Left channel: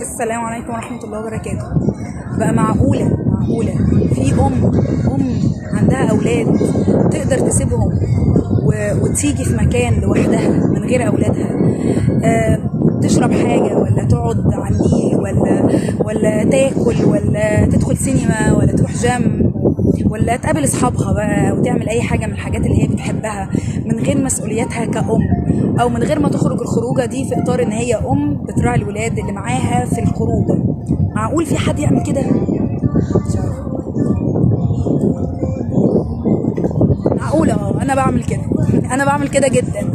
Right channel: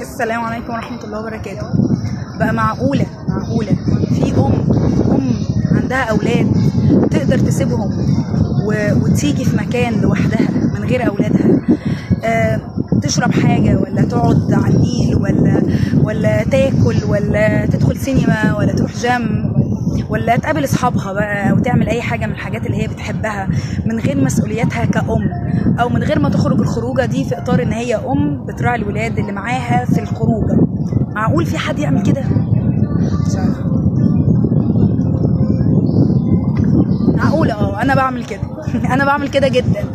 السلام عليكم ورحمة الله وبركاته. بقى معقولة في أم عندها أولاد تقدر تسيبهم وتيجي في مكان لوحدها من غير أولادها، تشرب حاجة ولا تقعد على النيل ولا تاكل ولا تدخل سينما ولا تروح جيم ولا تقابل اصحابها بقى وتعمل اي حاجه من الحاجات اللي هي بتحبها من غير مسؤولياتها كأم، او من غير ما تخرج الخروجه دي في اطار ان هي بتراعي الولاد اللي معاها في الخروجه. معقول في حد يعمل كده؟ مش عارفه. معقولة انا بعمل كده انا بعمل كده جدا.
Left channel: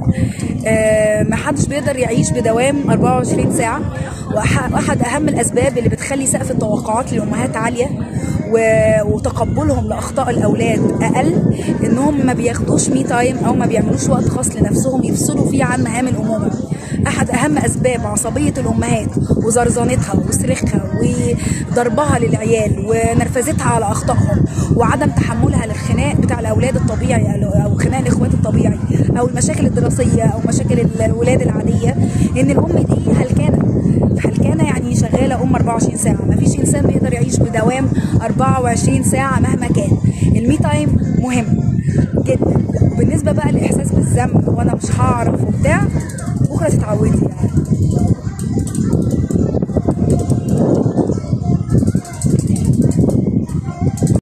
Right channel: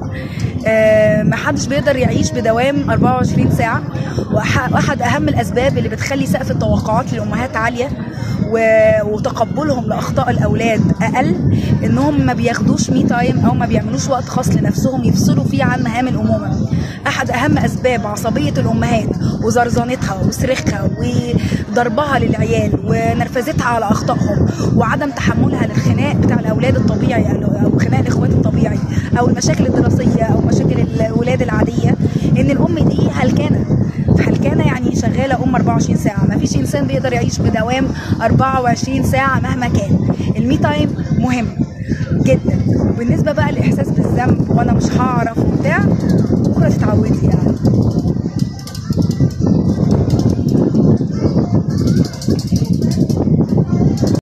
محدش بيقدر يعيش بدوام 24 ساعة، واحد اهم الاسباب اللي بتخلي سقف التوقعات للامهات عالية وتقبلهم لاخطاء الاولاد اقل انهم ما بياخدوش مي تايم او ما بيعملوش وقت خاص لنفسهم يفصلوا فيه عن مهام الامومه. احد اهم اسباب عصبيه الامهات وزرزنتها وصريخها وضربها للعيال ونرفزتها على اخطائهم وعدم تحملها للخناق بتاع الاولاد الطبيعي او خناق الاخوات الطبيعي او المشاكل الدراسيه او مشاكل الولاد العاديه، ان الام دي هلكانه يعني شغاله 24 ساعه. ما فيش انسان بيقدر يعيش بدوام 24 ساعه مهما كان. المي تايم مهم جدا. وبالنسبه بقى للاحساس بالذنب وانا مش هعرف وبتاع، بكره تتعودي يعني.